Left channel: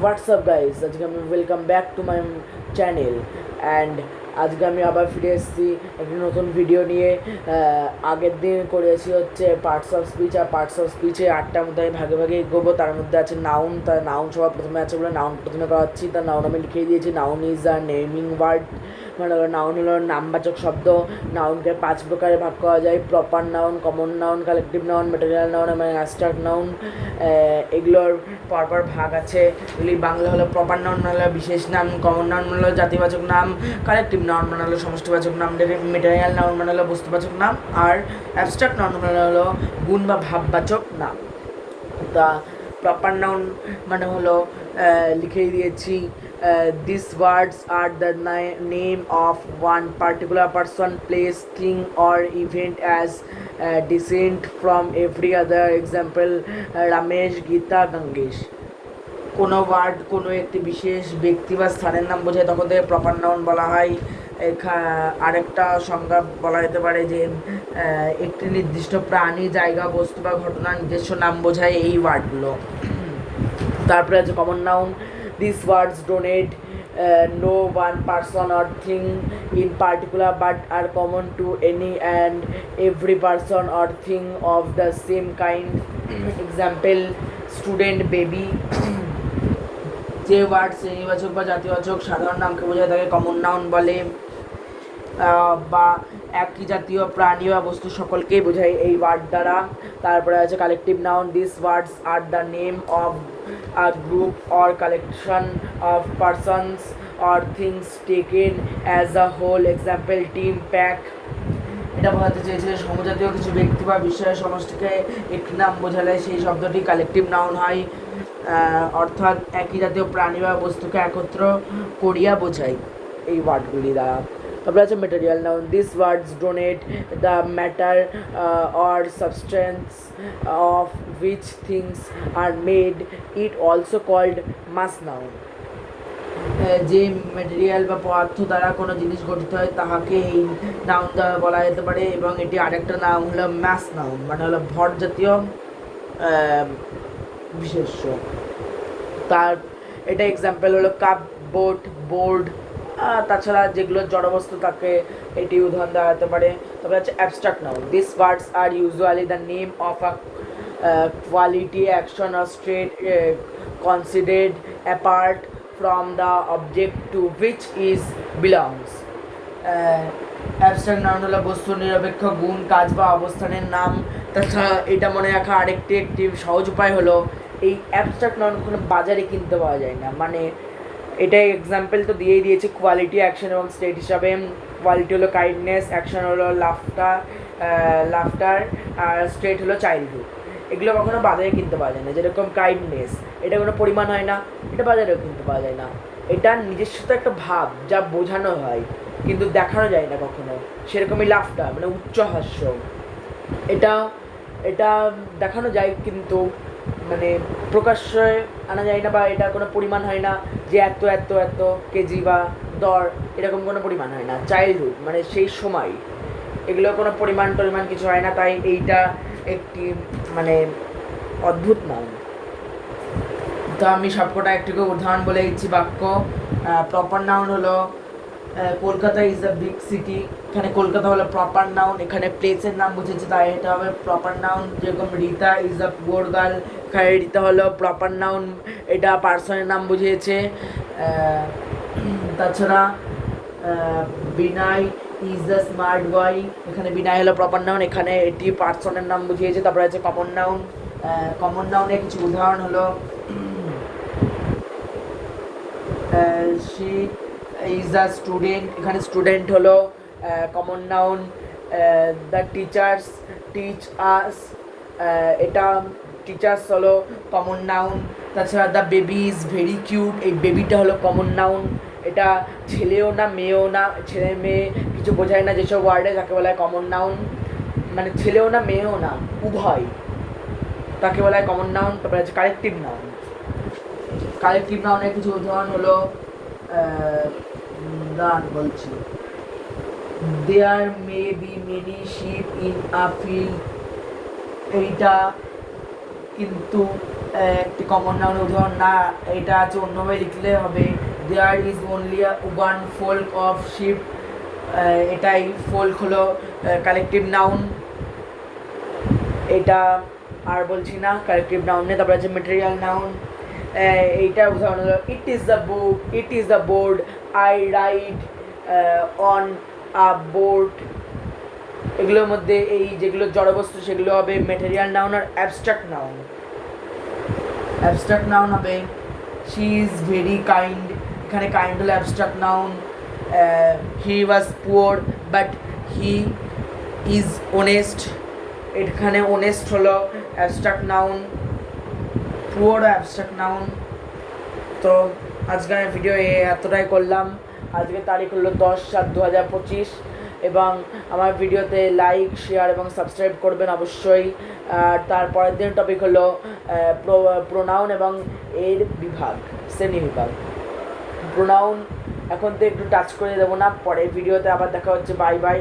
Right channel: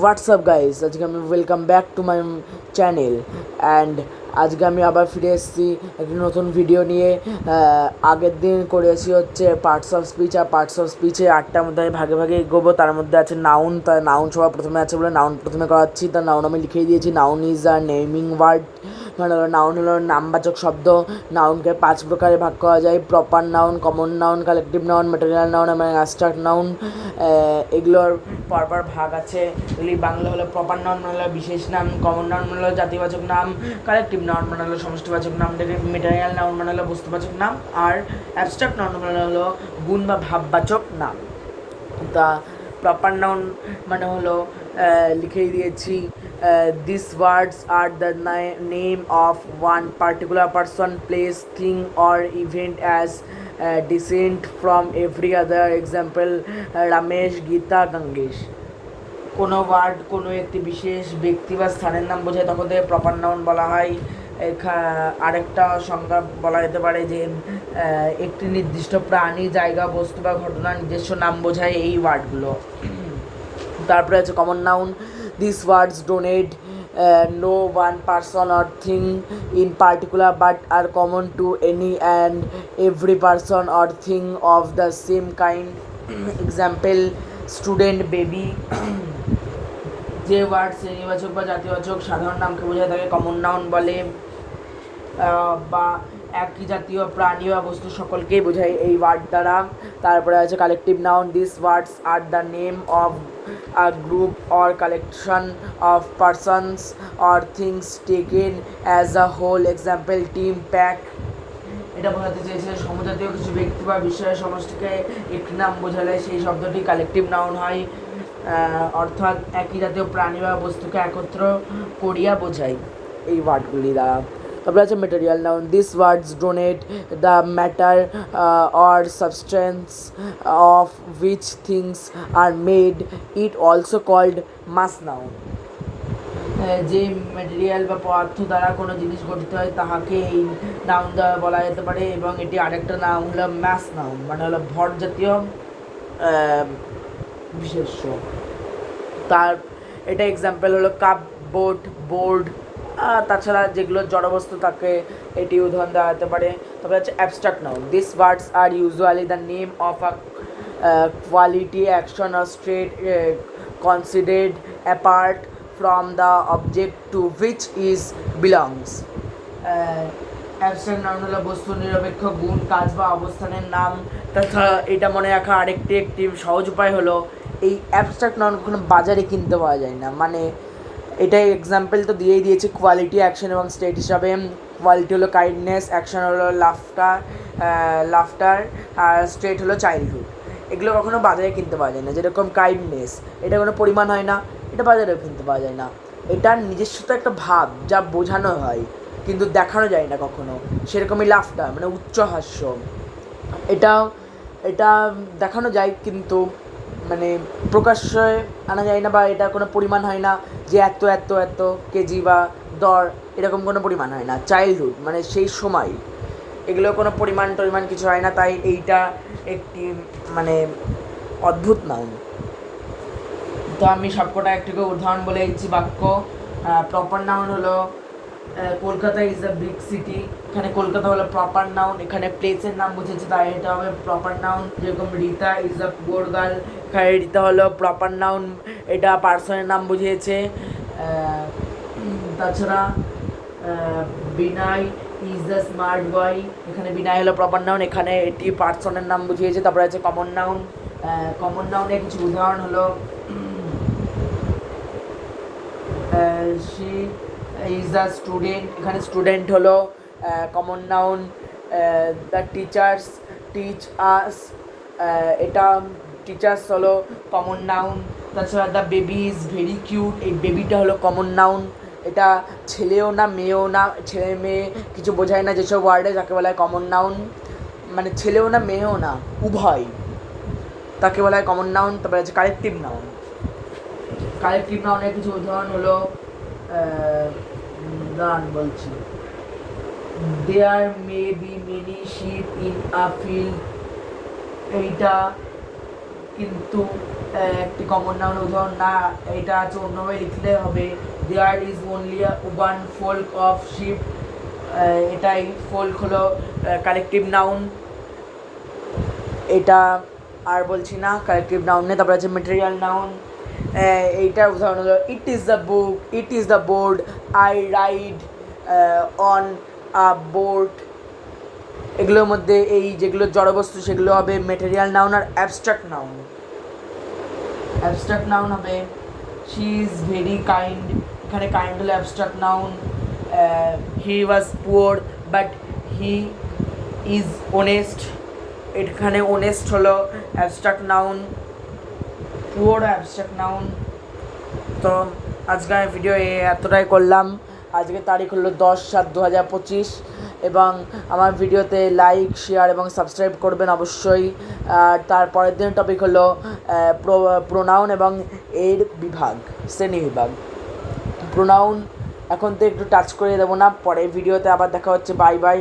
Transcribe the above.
WhatsApp guys, আজকে আমি welcome back to my channel and আজকে আমি আবার ফিরে এসেছি একটি নতুন ভিডিও নিয়ে। আগের দিন করেছি হচ্ছে পার্টস অফ স্পিচ, আর পার্টস অফ স্পিচে 8টার মধ্যে আমি ভাগে ভাগে এগোবো। তার মধ্যে আছে নাউন, তার নাউন সবার প্রথমে আছে বলে নাউন প্রথমে করাচ্ছি। তার নাউন আমি লিখেই দিয়েছি, noun is a naming word, মানে নাউন হলো নামবাচক শব্দ। নাউনকে 5 প্রকারে ভাগ করা যায়: proper noun, common noun, collective noun, material noun এবং অ্যাবস্ট্রাক্ট নাউন। এগুলোর পরপর ভাগ আছে। এগুলি বাংলা হলো প্রপার নাউন মানে হলো বিশেষ নাম, কমন নাউন মানে হলো জাতিবাচক নাম, কালেকটিভ নাউন মানে হলো সমষ্টিবাচক নাম, ম্যাটেরিয়াল নাউন মানে হলো বস্তুবাচক নাম, আর অ্যাবস্ট্রাক্ট নাউন মানে হলো গুণ বা ভাববাচক নাম। তা প্রপার নাউন মানে হলো লিখেই দিয়েছি, this words are the name of one particular person, place, thing or event as decent from every other. Example: Ramesh, Gita, Gangesh. কোনো ওয়ার্ড কোনো একটি বিশেষ ব্যক্তি বা স্থানের নাম বোঝায় তখন থেকে প্রপার নাউন বলা হয়। আরেকটা সংজ্ঞা বলা যেতে পারে যে একটি নির্দিষ্ট প্রাণী, জায়গা, বস্তু বা ঘটনার নিজস্ব নাম বোঝায় এই ওয়ার্ডগুলো। তারপরে আছে common noun. This words donate no one person or thing in particular but are common to any and every person or thing of the same kind. Example: student, baby. যে ওয়ার্ড শ্রেণীবাচক বা জাতিবাচক সাধারণ নামকে বোঝায় তাকে কমন নাউন বলে, বা একই জাতীয় প্রাণী বা বস্তু সকলকেই বোঝায় এই ওয়ার্ড দ্বারা। তারপরে আছে collective noun. This words are the name of a group or collection of persons or things taken as a whole. Example: team, pack. এটা বোঝাতে চেয়েছে সমজাতীয় কিছু ব্যক্তি বা বিষয়ের সমষ্টিকে একটি নাম বোঝালে সেই শব্দটি কালেকটিভ নাউন হয়, অর্থাৎ একই জাতীয় প্রাণী বা বস্তুকে একত্র করিয়া বোঝায় এই ওয়ার্ডগুলি দ্বারা। তারপরে আছে material noun. This words denote the matter or substance of which things are made. It also called mass noun. যে ম্যাটেরিয়াল বা পদার্থ দ্বারা কোনো জিনিস গঠিত হয় তাহাকে এই নাউন দ্বারা বলা যেতে পারে, এবং এটি আরেকটা নাম হলো ম্যাস নাউন, মানে হলো ভর জাতীয় বিশেষ্য। তার এটা এক্সাম্পল হলো কাপ, বোট, বোর্ড। তাছাড়া যেগুলো জড়বস্তু তাকে এটি উদাহরণ দেওয়া হতে পারে। তবে হচ্ছে abstract noun. This words are usually the name of a quality, action or state considered apart from the object to which is belongs. Abstract noun হলো বস্তু নিরপেক্ষ গুণ, কাজ বা অবস্থানের নাম। তাছাড়া এটা মনে রাখা একটি সহজ উপায় হলো এই অ্যাবস্ট্রাক্ট নাউন কোনো বাজারে কিনতে পাওয়া যায় না। মানে এটাই এক্সাম্পল তো দিয়েই দিয়েছি কোয়ালিটি, অ্যাকশন এবং স্টেট হিসাবে। কোয়ালিটি হলো কাইন্ডনেস, অ্যাকশন হলো লাফটার, আর স্টেট হলো চাইল্ডহুড। এগুলো কখনো বাজারে কিনতে পাওয়া যায় না। যেরকম কাইন্ডনেস, এটা কোনো পরিমাণ হয় না, এটা বাজারেও কিনতে পাওয়া যায় না। এটার নিজস্ব তো একটা ভাব যা বোঝানো হয় কিন্তু দেখানো যায় না কখনো। সেরকমই লাফটার মানে উচ্চ হাস্য, এটা দেখানো যায় কিন্তু মানে প্রকাশ্যে আনা যায় না, বা এটা কোনো পরিমাণ হয় না যে এত এত এত কেজি বা দর, এরকম কোনো পরিমাণ হয় না। চাইল্ডহুড মানে সেই সময়, এগুলো কোনো পরিমাণ কিছু হয় না, তাই এইটা একটি মানে অদ্ভুত নাউন। তো আমি সবকটা একটু উদাহরণ বলে দিচ্ছি বাক্য। প্রপার নাউন হলো Kolkata is a big city. এখানে কলকাতা হলো প্রপার নাউন, এখানে প্লেসের নাম বুঝেছে তাই এটা হবে প্রপার নাউন। যেরকম Rita is a poor girl, এখানে রিতা হলো প্রপার নাউন, এটা পার্সনের নাম বুঝিয়েছে। তাছাড়া বিনয় ইজ আ স্মার্ট বয়, এখানে বিনয় হলো প্রপার নাউন, এখানে এটি পার্সনের নাম বুঝিয়েছে। তারপরে আছে কমন নাউন। কমন নাউনের কিছু উদাহরণ হলো she is a student, এখানে স্টুডেন্ট হলো common noun. The teachers teach us, এটা টিচার্স হলো কমন নাউন। তাছাড়া the baby is very cute, এই বেবিটা হলো কমন নাউন। এটা ছেলেও না মেয়েও না, ছেলে মেয়ে কিছু বোঝায় না যেসব ওয়ার্ডে, যাকে বলা হয় কমন নাউন। মানে ছেলেও না মেয়েও না, উভয়, তাকে বলা হয় কমন নাউন। তারপরে আছে কালেকটিভ নাউন। কালেকটিভ নাউনের কিছু উদাহরণ হলো গান বলছি, there may be many sheep in a field, এইটা কিন্তু একটি কমন নাউনের উদাহরণ না, এটা আছে অন্যভাবে লিখলে হবে there is only one flock of sheep, এটাই ফোল্ক হলো কালেকটিভ নাউন। এটা আর বলছি না, কালেকটিভ নাউন নেই। তারপরে আছে মেটেরিয়াল নাউন, এইটার উদাহরণ হলো it is the book, it is the board, I ride on a board. এগুলোর মধ্যে এই যেগুলো জড়বস্তু সেগুলো হবে মেটেরিয়াল নাউন। আর অ্যাবস্ট্রাক্ট নাউন, অ্যাবস্ট্রাক্ট নাউন হবে শি ইজ ভেরি কাইন্ড, এখানে কাইন্ড হলো abstract noun. He was poor but he is honest, এখানে অনেস্ট হলো abstract noun, poor abstract noun. তো আজকে আমি ভিডিও এতটাই করলাম। আজকে তারিখ হলো 10/7/2025 এবং আমার ভিডিওতে লাইক, শেয়ার এবং সাবস্ক্রাইব করবেন অবশ্যই। আর তারপরের দিন টপিক হলো প্রোনাউন এবং এর বিভাগ, শ্রেণী বিভাগ। প্রোনাউন এখন তো একটু টাচ করে দেবো না, পরের ভিডিওতে আবার দেখা হচ্ছে। Bye bye.